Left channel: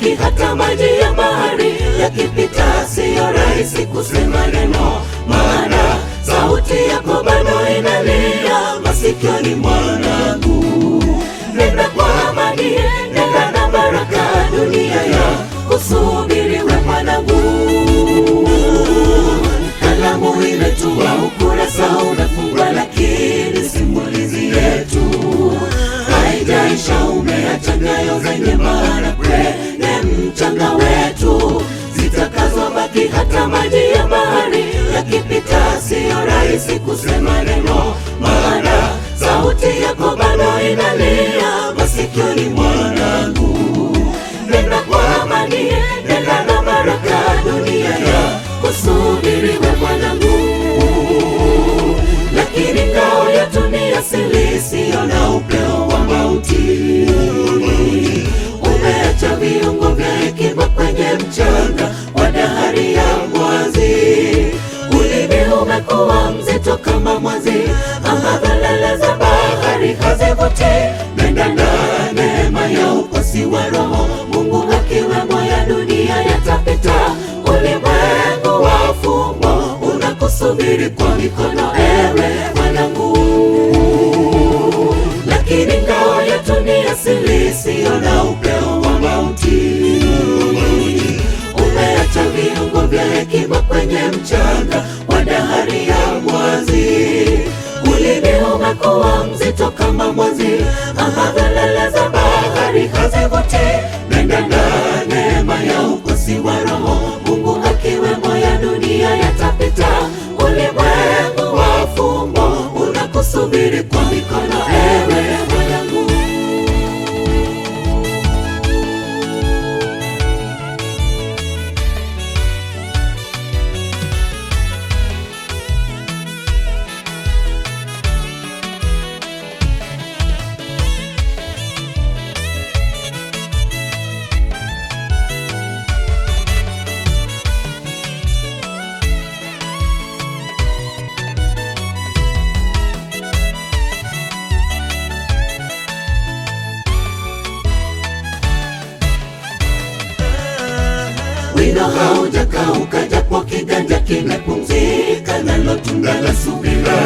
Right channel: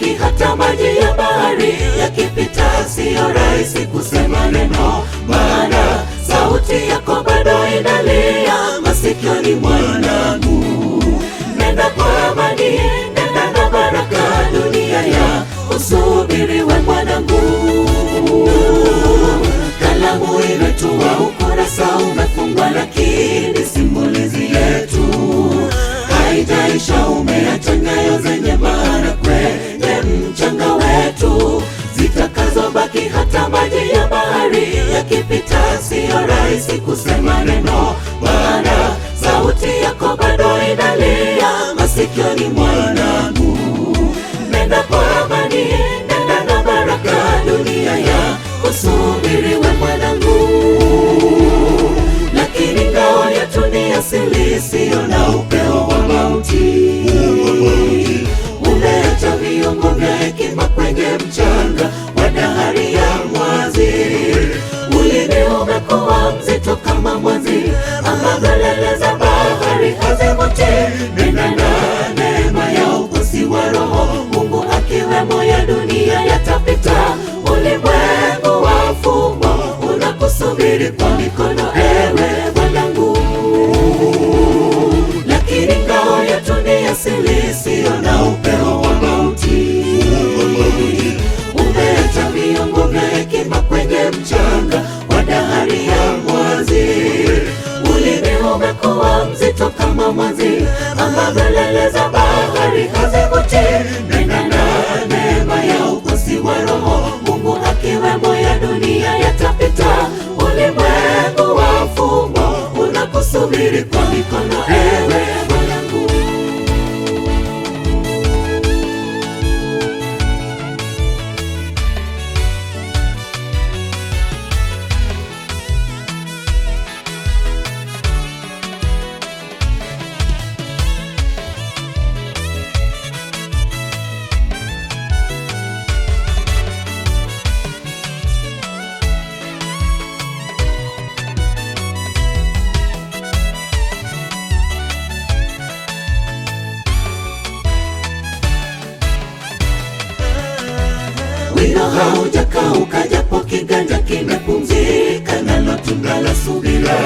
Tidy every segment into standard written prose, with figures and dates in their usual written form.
zitakavyobaki hata maji ya bahari yakipita. Sio rahisi kusema neno, maana sauti yako bado inalia masikioni mwanangu. Nenda kwa amani, nenda na baraka, dunia ya kusubiri we mwanangu. Kalamu imetua, ukurasa umefungwa, lakini simulizi yetu haijaisha. Umeacha nyayo zenye maana kwenye mchanga wetu, zitakazobaki hata maji ya bahari yakipita. Sio rahisi kusema neno, maana sauti yako bado inalia masikioni mwanangu. Nenda kwa amani, nenda na baraka, dunia ya kusubiri we mwanangu. Lakini ngao yetu ni asili, isiyo na upeo wa mauti. Umeacha viungo vya hekima kwenye mchanga wa dahari ya mwazi. Ulimi umekuwa mzito kama mwazi, ambavyo lele za bahari hazivuti. Nenda na neema ya ukosi wa roho, Mungu akiwemo ya dunia yatapita. Ulimwengu wa fumbo unakusubiri kwa mikono, ewe mwanangu. Lakini ngao yetu ni asili, isiyo na upeo wa mauti. Umeacha viungo vya hekima kwenye mchanga wa dahari ya mwazi. Ulimi umekuwa mzito kama mwazi, ambavyo lele za bahari hazivuti. Nenda na neema ya ukosi wa roho, Mungu akiwemo ya dunia yatapita. Ulimwengu wa fumbo unakusubiri kwa mikono, ewe mwanangu. Wino haujakauka, japo kiganja kimepumzika, nalo tunda la subira.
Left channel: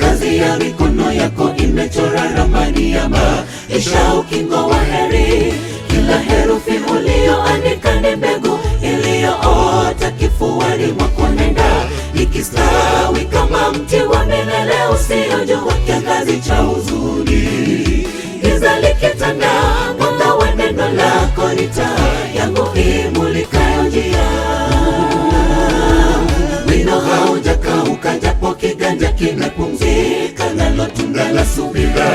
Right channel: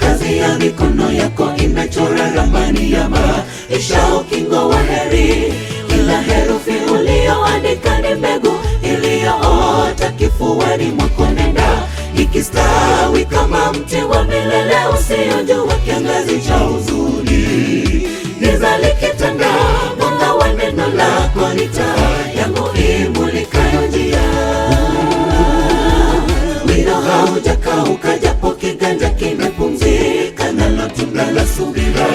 Kazi ya mikono yako imechora ramani ya maisha, ukingo wa heri. Kila herufi ulioandika ni mbegu iliyoota kifuani mwako. Nenda ikistawi kama mti wa milele, usiojua kiangazi cha huzuni. Giza likitanda, mwanga wa neno lako ni taa yangu imulikayo njia. Wino haujakauka, japo kiganja kimepumzika, nalo tunda la subira.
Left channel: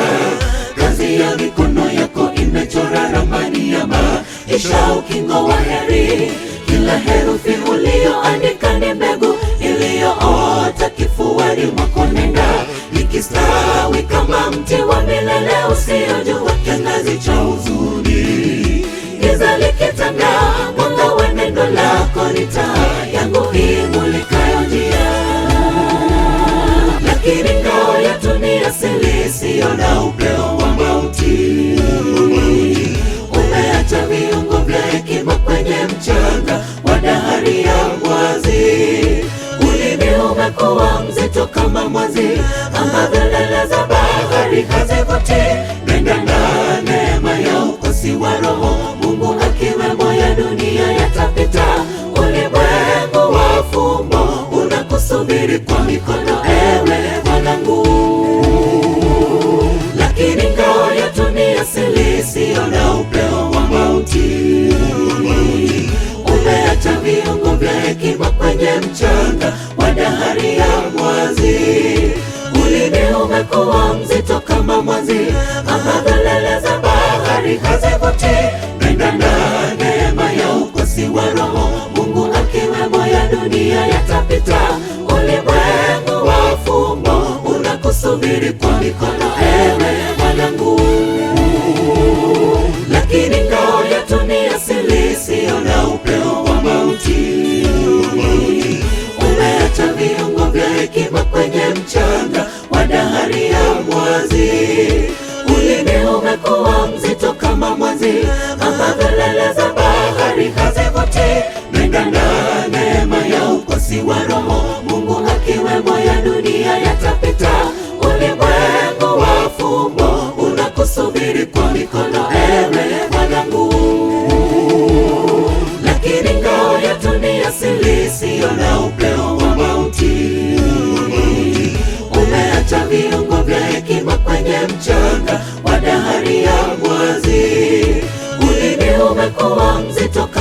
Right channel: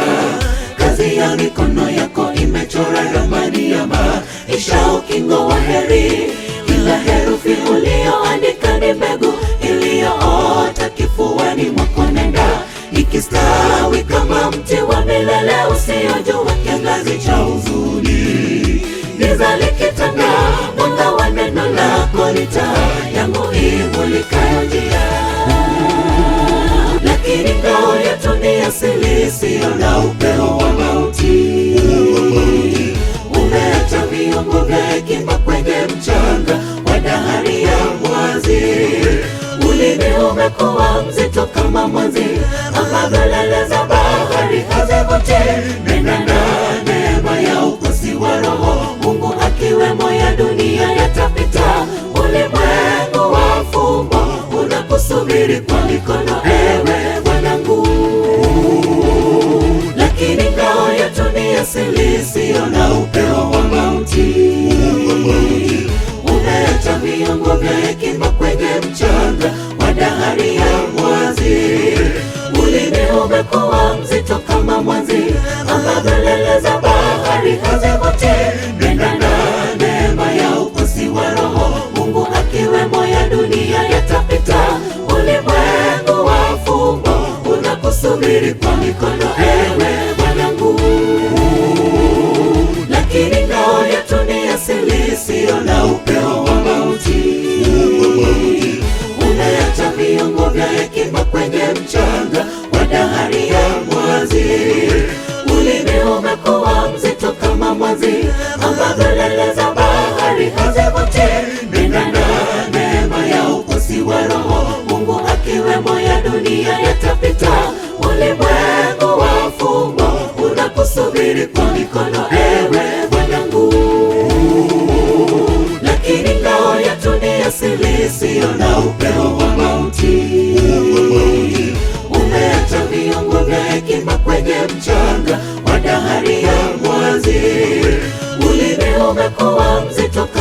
Kazi ya mikono yako imechora ramani ya maisha, ukingo wa heri. Kila herufi ulioandika ni mbegu iliyoota kifuani mwako. Nenda ikistawi kama mti wa milele, usiojua kiangazi cha huzuni. Giza likitanda, mwanga wa neno lako ni taa yangu imulikayo njia. Lakini ngao yetu ni asili, isiyo na upeo wa mauti. Umeacha viungo vya hekima kwenye mchanga wa dahari ya mwazi. Ulimi umekuwa mzito kama mwazi, ambavyo lele za bahari hazivuti. Nenda na neema ya ukosi wa roho, Mungu akiwemo ya dunia yatapita. Ulimwengu wa fumbo unakusubiri kwa mikono, ewe mwanangu. Lakini ngao yetu ni asili, isiyo na upeo wa mauti. Umeacha viungo vya hekima kwenye mchanga wa dahari ya mwazi. Ulimi umekuwa mzito kama mwazi,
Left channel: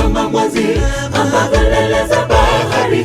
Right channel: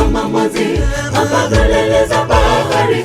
kama mwazi, ambavyo lele za bahari